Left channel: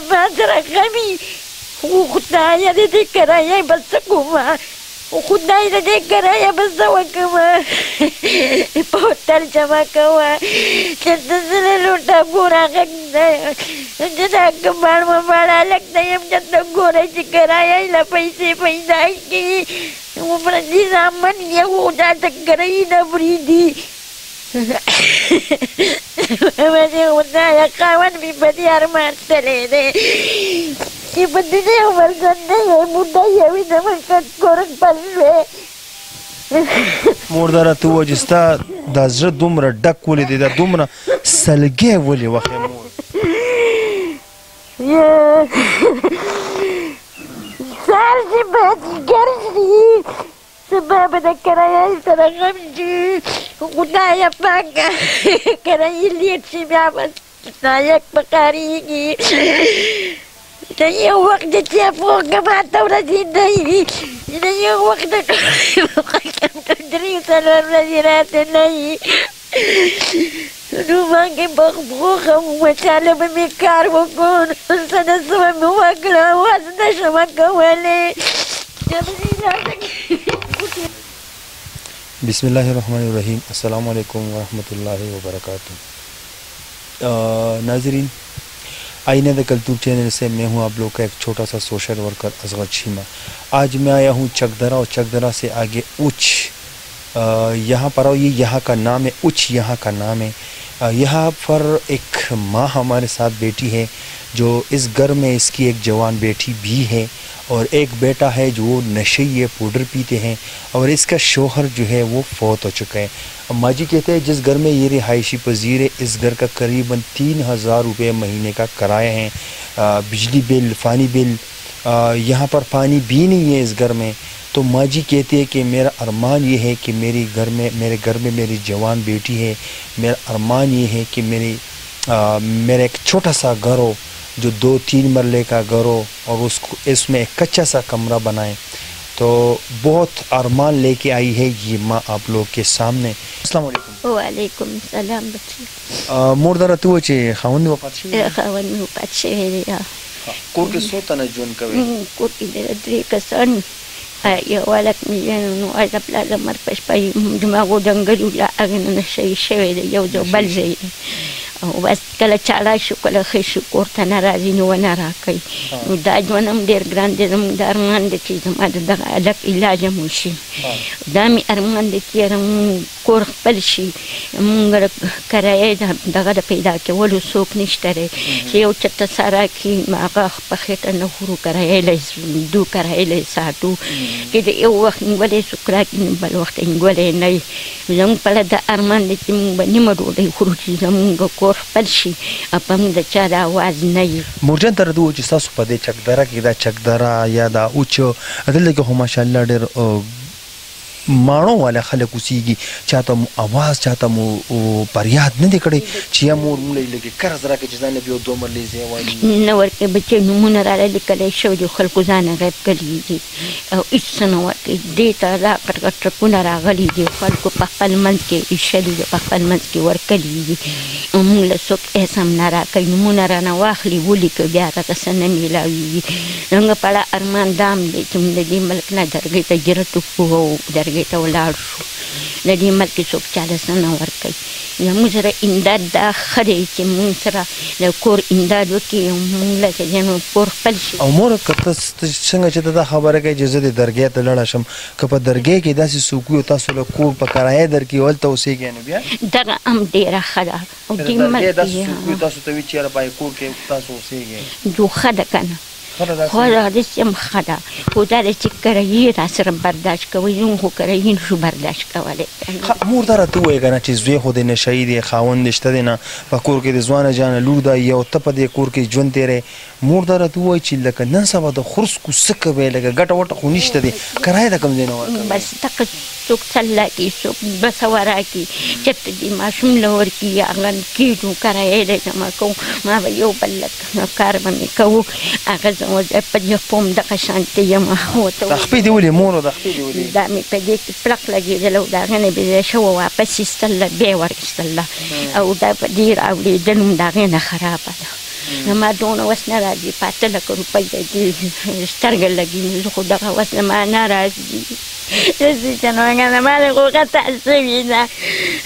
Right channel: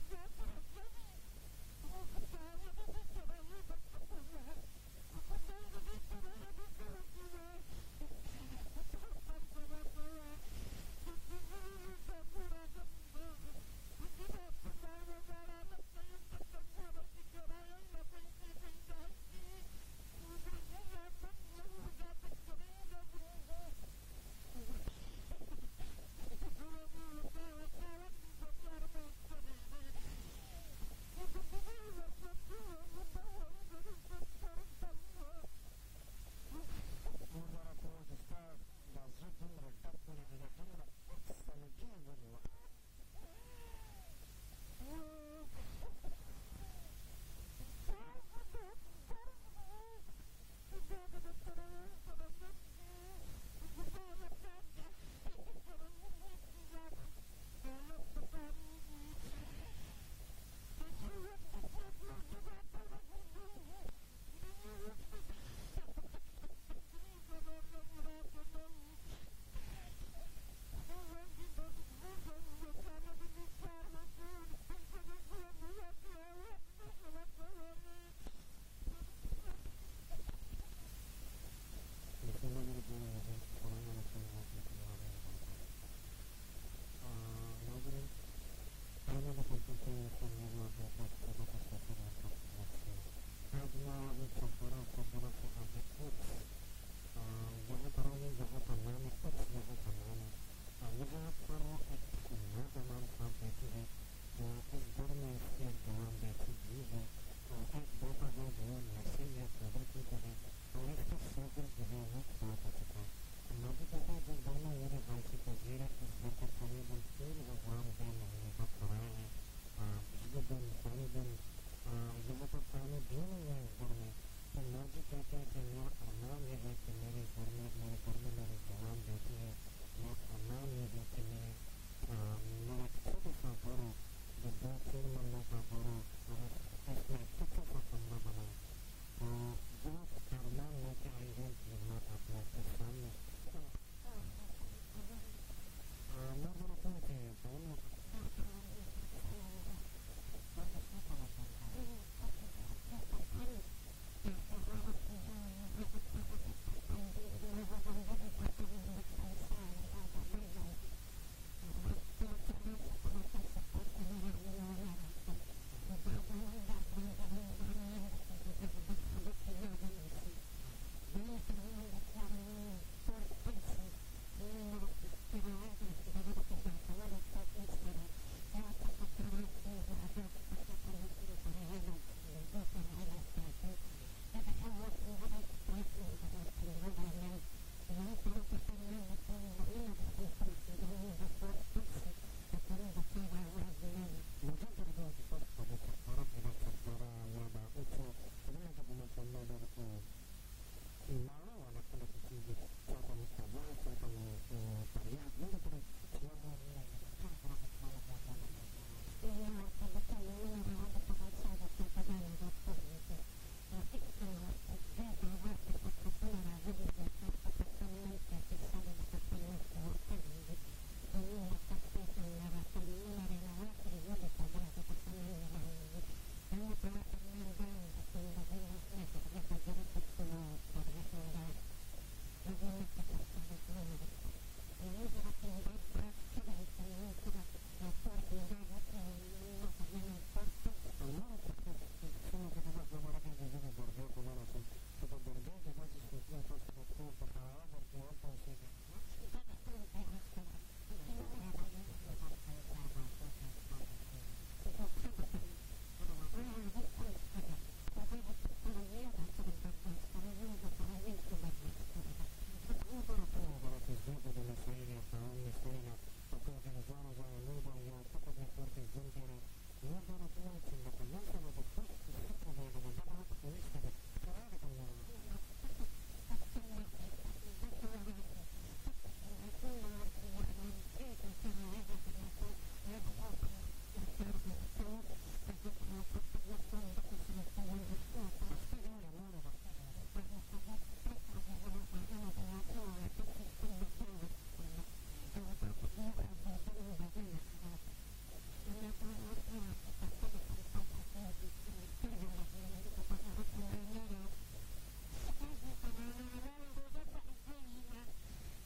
ما ترغمي وخدايا دي كرايا بس كوما وخدايا دي كرايا بس وكما بوتل جما كوا تنزل لوتا غورا غدا جدا كمال مبالا لك يم جدا غورا كرايا لا पैसे पैदा की वो प्रति सामान ये हो जाता कराई ना ब्रीदी मैंने होता है कावन भी बड़ी अरमान चले दे कि बंदे उमर करने है मुद्दा ये भी नमक का कोरक पल्ले مورداره تو وجستا د زړه دومره ډک ولې دی دا دومره سلګی ولې وخې مور سار چې بد ګرځي سبب د کرایې سره غمجي خدای پاک کرایې لیت چې بیا بس نایک پکاريږي ته یو وخت چې فوق ما ته ورځي دی ته یو وخت کوم درې سره ورځي راته نه نو مانګه بخبوخه وچاله به مې کار وکړ سره سم مې وکړه واز نشم کولای بسم الله الرحمن الرحیم السلام علیکم ورحمۃ اللہ وبرکاتہ ناظرین آئینہ دا کلتور چینل سے میں ہوں آپ لوگ کا ایک چھوٹا سا سوشل ورکر اصغر چیمہ آج میں آیا ہوں چکدرا اور چکدرا سے آگے اچ یہاں پر آؤ یہ یہاں کا نام ہے اچ یہاں کا نام ہے یہاں پر ایک ماں ہمارے ساتھ بیٹی ہے جو اس گھر میں اس کی ایک جوان بیٹی بھی ہے اور ایک بیٹا ہے جو وہ نشے یہ پاؤڈر پیتے ہیں اور اس کا شوہر جو ہے وہ فوت ہو چکا ہے ماں جی کہتے ہیں جس گھر میں یہ رہائشی پذیر ہے اس گھر کا قریباً 3000 روپے مہینے کا کرایہ ہے بجلی بل پانی بل یہاں پر پانی بھی نہیں ہے اس گھر میں تو ماں جی کہتے ہیں کہ میرا ارمان یہ ہے کہ میرے گھر میں میری جوان بیٹی ہے میرا ارمان یہ ہے کہ میرا ایک چھوٹا سا گھر ہو جو 2-3 مرلے کا گھر ہو اور اس میں ایک کچا سا کمرہ بنائیں تو بہت ارمان لے کے آئی ہے یہ ماں آپ لوگ کے سامنے السلام علیکم وعلیکم السلام بچی مورداره تو چې خاوند وفات شوی خاوند وفات شوی دی کور کې څو تنه ژوند کوي کور کې د 3 کسان یو ولک مې نو اځه پلا لمر پښ پای دماغو دنګلو لا اغه نه شوی دی یو ځو بل ځای او بس کله چاړه شو کله ښه شو کور ته نه راځي نو ونه راکوي نو دا ژوند هم ډېر ګران دی زموږ د ارمان دی چې زما د دغه هلک علاج هم وشي دا مې ارمان دی چې یاره مونږ کور خپل شي مونږ کرایه دغه د پیدا کولو څوک نشته دی چې یو چېرته سا راکړي هغه په خېټه نه خورو کرایه له دو کرایه له ساتو چې د یو وخت نیولی څوک راکړي نو بل وخت نیولی نه وي زموږ پله د ارمان دی چې مونږ به نیمه ډوډۍ خورو چې زمونږ کور خپل شي په موږ د چا د اواز نه وي مورجان ته راته ووایه چې ستاسو په دې چکدره کې دا چکدره یا دا اوچ دلته کې خو ماشاءالله ډېر ماڼو والا خلک اوسېږي چاته مو اواز چاته مو فریاد نه دی کړی چې یا مور مونږ لږې قرض راکړي چې ځان له یو 2 مرلې ځای وایي نه ورکوي بچی نومونه راله لیکلی شوي دي خلکو ځانه غیب کړي دي او هېڅ څه نه ورکوي دې ته دا کټ کټ ټرکونه راغلي دي خلکو په خپل منځ کې ایښلي دي په خپل منځ کې ورکړي دي مونږ له څوک هېڅ هم نه راکوي نومونه رانه واخلي ولیکو بیا راته څه نه میلاویږي زموږ په اړه ارمان دا هم دی چې موږ د دې ملک نه درګۍ ته جرت وکړو او درګۍ ته ولاړ شو د دې ملک کې څوک چاله څه نه ورکوي زموږ سره امداد دا ښه دی چې مونږ سره د کور امداد وکړي او مونږ له چې کور خپل شي او مور که ته څنګه چې ته دا خبره کوې چې زه د درګۍ ته لاړه شم که په درګۍ کې داسې څوک وي او تاسو له کور په کرایه درکړي هلته اوسېږئ نو بیا دغه هم ډېره ښه ده او دې ملک داسې څوک وي تاسو ته وي چې یاره په کور کې تاسو اوسېږئ جو ښه ده که نه خو دا داسې هم ښه ده خو دا ده چې کرایې را سره برداشت کوئ زموږ خو کرایې نشو برداشت کولی مور دا راته ووایه که نه چې زوی خو د نشهیي دی خاوند دې شته دی نه په کور کې د ځوانه جانه لور ده یو ته په دې کور کې ژوند تېری مور دا راته ووایي چې لکه نن سبا د خرسکو څه کوئ لکه ګټه وټه خو نشته دی کرایه د کوم ځای نه ورکوئ بس دغه څوک 2 راکړي څوک 200 راکړي چېرته دې ماشوم له ورکړي هغه کېږو کرایه دی جمع کوو ما به یو بل لږ کار به مې کوو هغه زه په دې خپل دغه شانتې یم دا خپې دې ولې مور دا خپې دې ولې دا مې په دې کې پړق لګېدل او د هغې نه بې ځای شوه واپس ایستله بیا یې ور ایستله او دا په دې راوړېدل هم د هغې نه خرابه ده زما دونه وس نه راځي په 8 لکه روپۍ دې سترګه لګي، زه خو دغه وس زما نه راځي. چې نو هغه ما له غوغه شوې ده،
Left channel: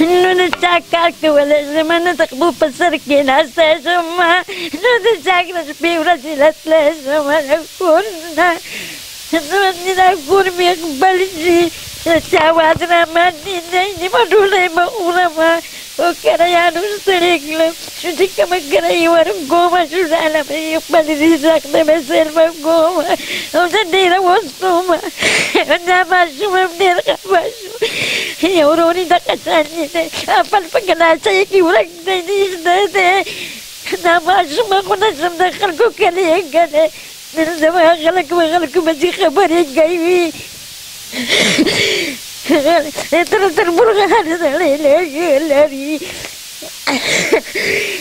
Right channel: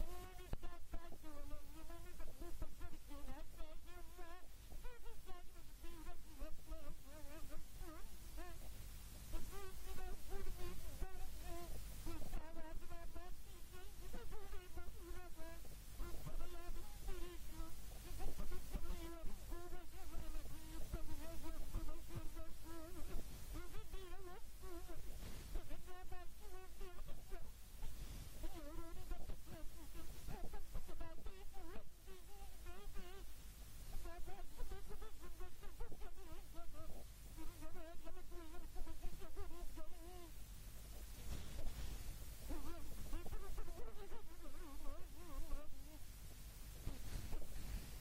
نو د چا کار کولی شم، نه د خپل په سر کېناستی شم، نو د چا کره شپې ورځې راتلی شم د کور نه. دا کور مې خپل شي، د چا واز راباندې دی، نیمه ډوډۍ به خورم او کرایانو ستړې کړم. شو چې کومه کرایي ورکوم، شو ډاله به یې خپل رزق ته به سر به کوم او زه ډېره وستوم. دا ماشوم هم ډېر خفه شو. یو ورور یې دغه شانې دی، خپل په ګناچۍ کې ورک دی، نږدې دی. دا ماشوم خو نه شم د خلکو کلی کلی، نن زما خلک به خلکو پسې خبرې کوي. تر مرغان سړی لري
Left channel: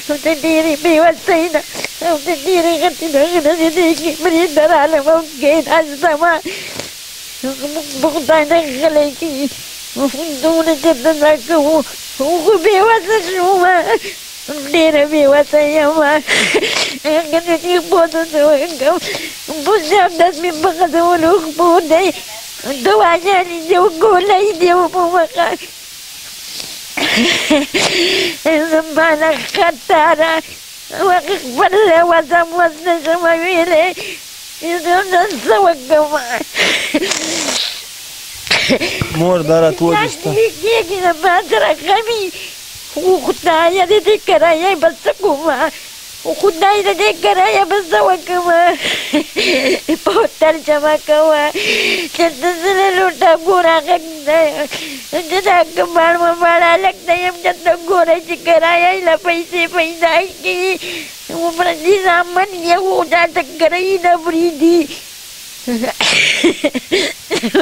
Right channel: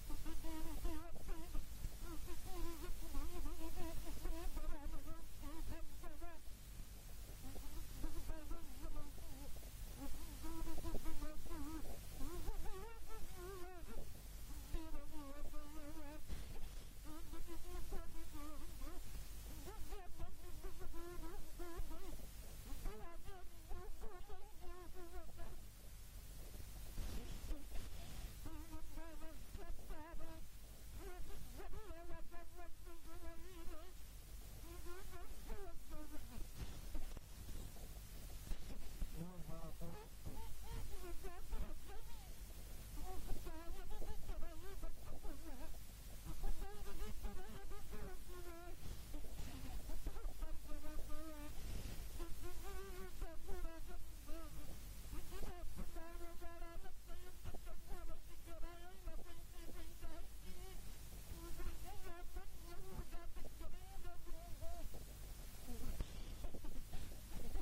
او د ډېرې بېوسۍ نه او د ډېرې غټې دغه نه د دې کې برېنده رالم او کېناستمه. موږ په خدای نه غلی کړي، دونه جدنه کوو، خو بېوسه شومه، ډېره بېوسه یمه. هغه نه چې پوه څه وکړم، اوس همداس مې په غځولو خپو دی، دواګانې دې ګولۍ دې په مخه. زما نه خطره هغه خپل وزم وس نه شم ویلی، زه نن څه وکړم. مور دا راته ووایه ستا کېږي د ما سره غمي، خو خدایه د دې کرایه به څه کومه، خدای د دې کرایه به څه وکړمه. په هوټل جمع کوه، چېرته زه له لوټه ګوره غږ دی، چې دا کباړ مباړ هلک دی یم، چېرته ګوره چې کرایه یې له پیسې پیدا کړي. عمره دې زامن یې خو دا ته کرایي نه بریدي.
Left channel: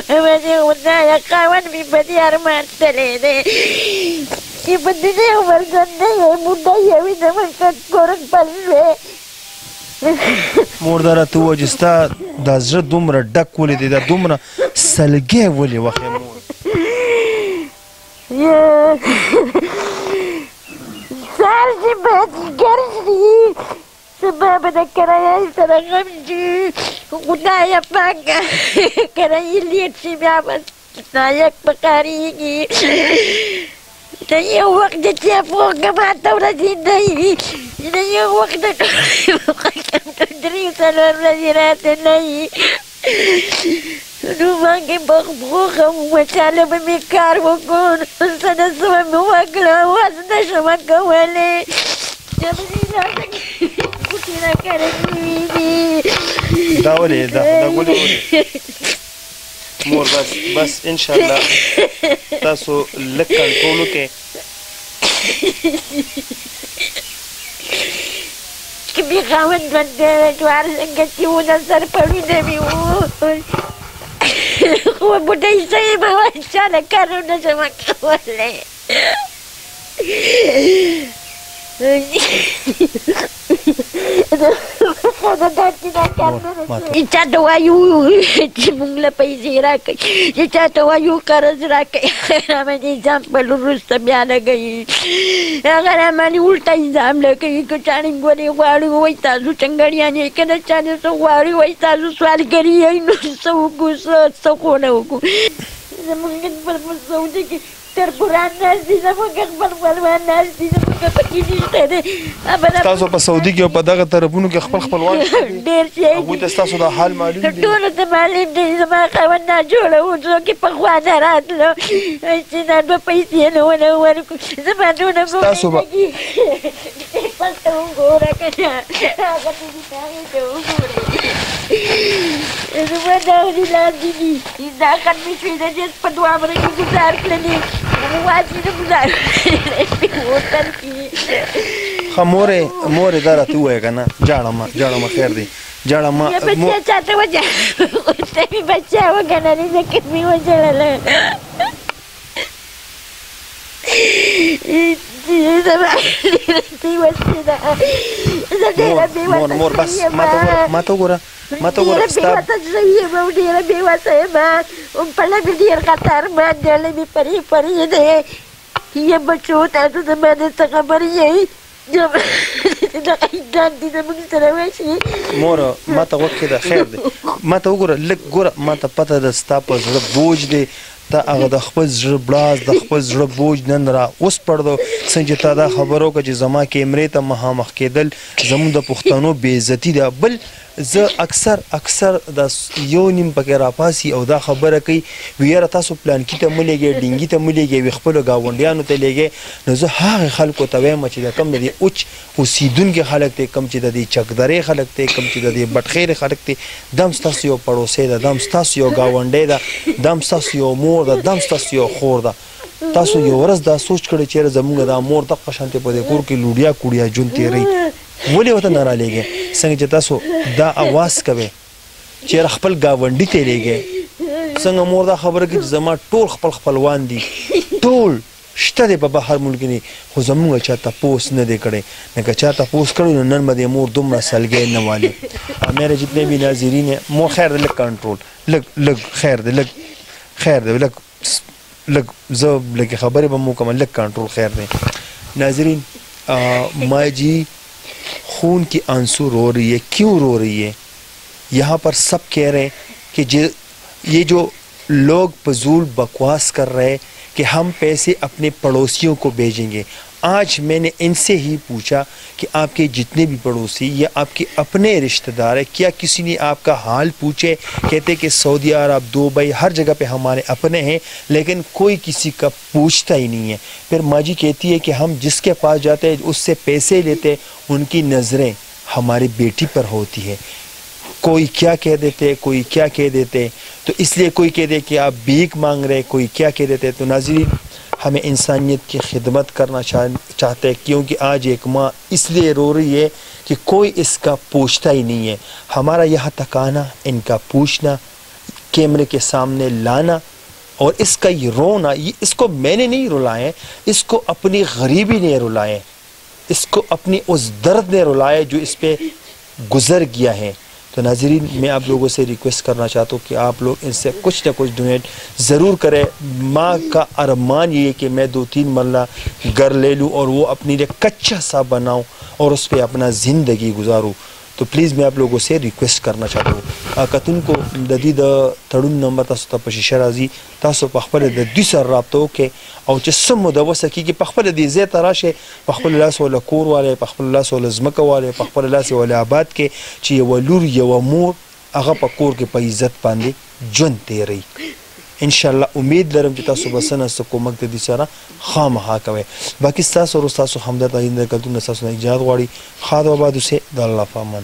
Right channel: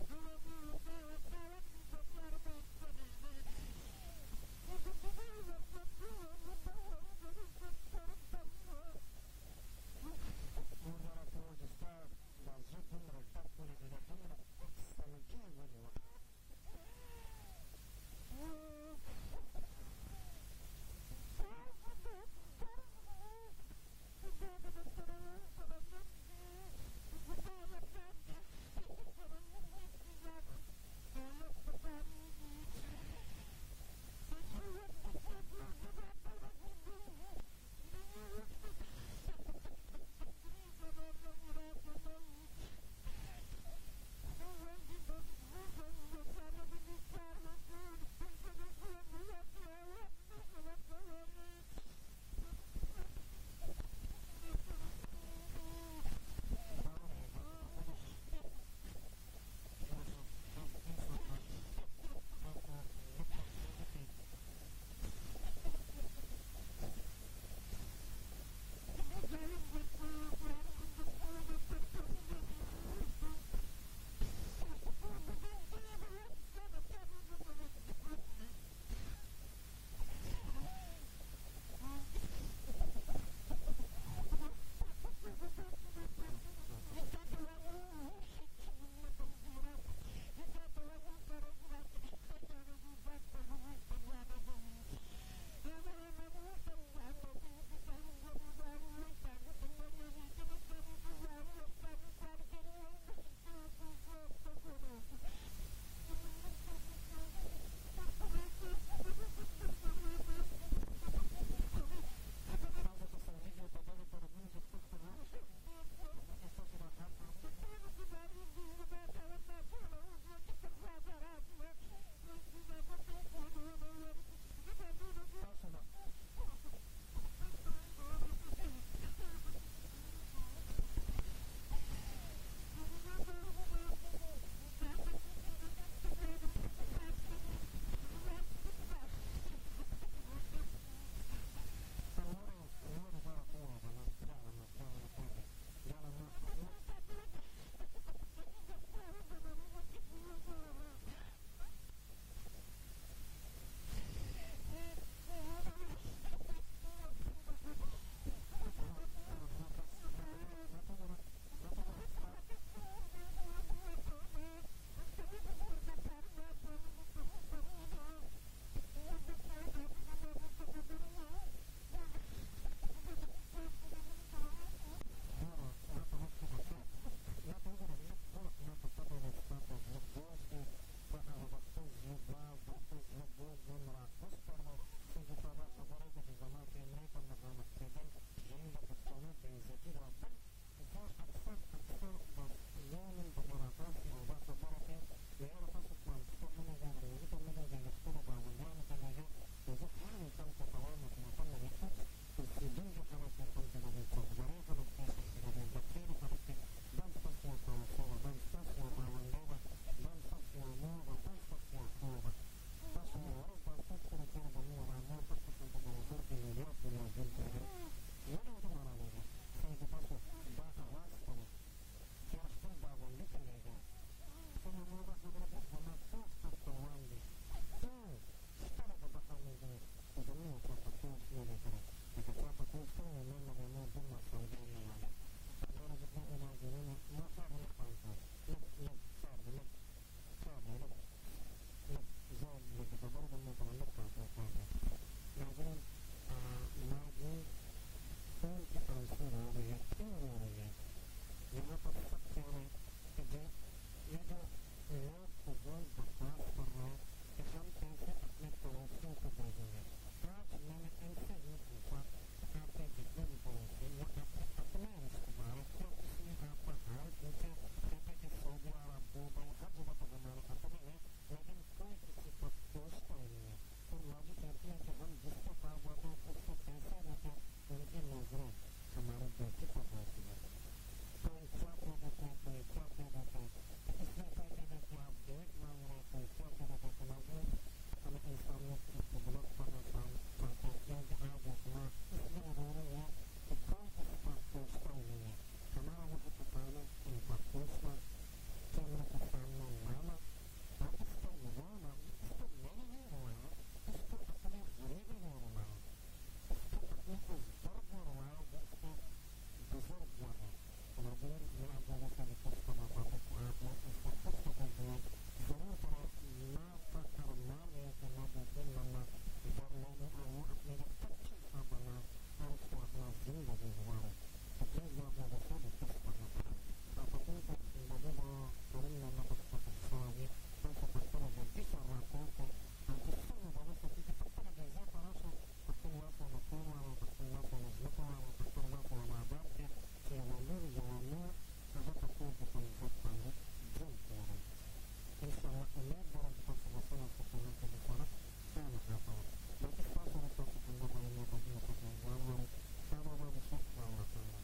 وایي خدایه خاوند مې په دې ارمان تللی دی چې په دې عمر ژوندی یې بوډا یې وي زموږ کور خپل دی. مور دا راته ووایه چې ستا دا زړه دومره ډک ولې دی، دا دومره سلګی ولې وخې مور؟ سهار چې مازدیګر شي، سبا به د کرایې سره غم شي. خدایه پاکه کرایې لیټ شي، بیا به نایک په کارېږي. د یو وخت د چیپوکه ماته ورسېدی وي، د یو وخت د 3-4 ورځې راته نه وي. نو مانګې په خپوخم وچاله به مې کار وکړو، څه نه څه به مې وکړه، وس نه شم کولی. ګوتې راکاره شوي دي. دا ولې دا ګولې ولې مور؟ بس انشاءالله تاسو لږ کنټرول وکړئ. که مې خاوند ژوندی جوار څنګه چې و د سر پړونه مې و، خو بوډۍ شوې به وه، چاله کار نه شم کولی. چا ته وایو چې موږ له پیسې راکوي، چې چا ته وایو قرض راکوي، راباندې ځان خپل وروسته بیا لګوي. هغه راباندې الټه الزام لګوي. که چاڼې ګورې غواړي وایي تاسو چنګړیان یې، که نه چاڼې څه غواړي وایي تاسو سوالګري یې. نو څه وکړو، څه خو نه وکړو. زموږ خپل په سعودي کې تربوران ناست دي، زموږ خپل خپلوان ناست دي، زموږ پکې نشته دی. تاسو په سعودي کې او په دغه طرفونو کې خپل خپلوان ډېر شی هغوی ته ستاسو دا حال معلوم دی؟ ټولو ته معلوم دی. زما خاوند ناجوړه و، څوک یې پخوا نه راتلو چې دا دوه پیسې نه ونه ورکړو. زما دونه ستاسو به پسته وګوره که نه، هغه هغې ته وګورئ. زما دا لاندې دي، دا ختمې شوې ده، چې په 2 کې ګزار کړلې، واجب نه ګزار کړلې هوټل کې. ښه مورې دا راته ووایه که نه، جاړه مه خیر دی، جاړه مه. بچه چاته وجه ته مې بچه وګڼلې، ځکه مې وژړله. مور بس ماته وګوره بېوسه شوې یم او ډېره بېوسه یم. پله مې ډېر خطر باندې، له مې پرې دی. یم بچو، تاسو زما نه څه خبر یئ؟ دا ایدان دي زموږ سره وشي. مور ما ته وکړه د خیر دی ما ته وګوره لږ ګوره ما ته پته ده ستا په زړه بوج دی ته هغه د خپل زړه بړاس د خپل زړه بوج نن را اوس پړدو څنګه چې تا دا خبرو که چې زما کیمرې ته مخامخ کېدل زموږ د پښتنو بې عزتي ده. بل زه اکثر د یو نیم پکې راپاسي او دا خبره کوي وی یاره تاسو پلانکي ته مه لېږئ ډینګي ته مه لېږئ وی خپلو ګاونډیانو ته لېږئ. نو زه هغې خلکو ته وایم چې د کوم د دې اوچ اوسېدونکي خلک دی کوم چې د دې چکدرې خلک دی کوم چې د دې بټخیرې خلک دی دا هم ستاسو یو پړوسی ده دا هم ستاسو یو ګاونډی ده دا هم ستاسو یو مور ده دا هم ستاسو یو خور ده. تاسو یو ورځ دا سوچ کړئ چېرې زموږ دا مور دغه شانتې په دې کور کې لوډیا کوډیا ژوند تېروي ولې ورته نه رالیږئ. څنګه چې تاسو دا اواز کوئ چېرې خپل ګاونډي ته لیږئ څنګه مور دا خبره کوي چې زما ټول خپل خپلوان دي ټول شته دی په بهر ملک کې خو زموږ چا تپوس نه دی کړی نه که چا تپوس کړی نو نن به د مور دومره سلګۍ نه والي. میرے جتنے بھی ناظرین ہیں مور خیر دی لږ کنټرول لږ خیر دی لږ خیر دی لږ زه لږ خبرې به مو کوم لږ کنټرول خیر دی. ناظرین ماں جی खून की आंसू रो रही है क्यों रो रही है. यहाँ पर सब कह रहे हैं कि ये जो लोग फजूल बकवास कर रहे हैं कि हम पैसे अपने पड़ोसियों को भेजेंगे. आज मैंने इनसे ही पूछा कि आपके जितने भी पड़ोसी या आपके अपने रिश्तेदार हैं क्या किसी ने आपका हाल पूछे. कहते कि सऊदी अरब दुबई हर जगह पे हमारे अपने हैं लेकिन कोई किसी का पूछता ही नहीं है. फिर माँ जी कहती है कि हम जिसके पास जाते हैं उससे पैसे लेते उनकी नज़रें हमारी बेटी पर होती है. कोई क्या कह देते कोई क्या कह देते तो इसलिए कोई कह दे कि आप भीख मांग रहे कोई क्या कह देते. तो नाज़रीन हमें इंसानियत की खिदमत करना चाहते हैं क्योंकि आज एक माँ इसलिए रो रही है कि कोई इसका पूछता ही नहीं है. हमारा यहाँ तक आना इनका पूछना कैमरे के सामने लाना और इसका ये रोना ये इसको मैंने नहीं रुलाए इसको अपनी गरीबी ने रुलाए इसको अपनी उस दर्द ने रुलाए जो इस पे गुजर गया है. तो नाज़रीन मैं आप लोगों से रिक्वेस्ट करना चाहता हूँ कि आप लोग इनसे कुछ ना कुछ डोनेट ज़रूर करें. माँ का अरमान ये है कि मैं 2-3 मरला घर ले लूँ और वो अपने लिए कच्चा सा बनाऊँ और उस पर अपना ज़िंदगी गुजारूँ. तो प्लीज़ मैं आप लोगों से रिक्वेस्ट करना चाहता हूँ कतुन को ददी द तड़ुन नंबर तासो ता पशीशा राजी तासो पखपल द दुई सर राब्तो के او چې سم مدوسه کیږي په خپل دې زه تراشه په خپل لاس ول کور والے په خپل لاس ول زمکه والے په خپل لاس ول آباد کې چې یو لور یو مور هغه په کور کې په عزت باندې ژوند تیری. ان شاء الله امید لرم چې تاسو بسنه کومک دې سره خامخا کوي. باقي تاسو ورو تاسو همدرد آینده کلتون تاسو نه اجازه غواړي خاطر آباد سه د الله پامان.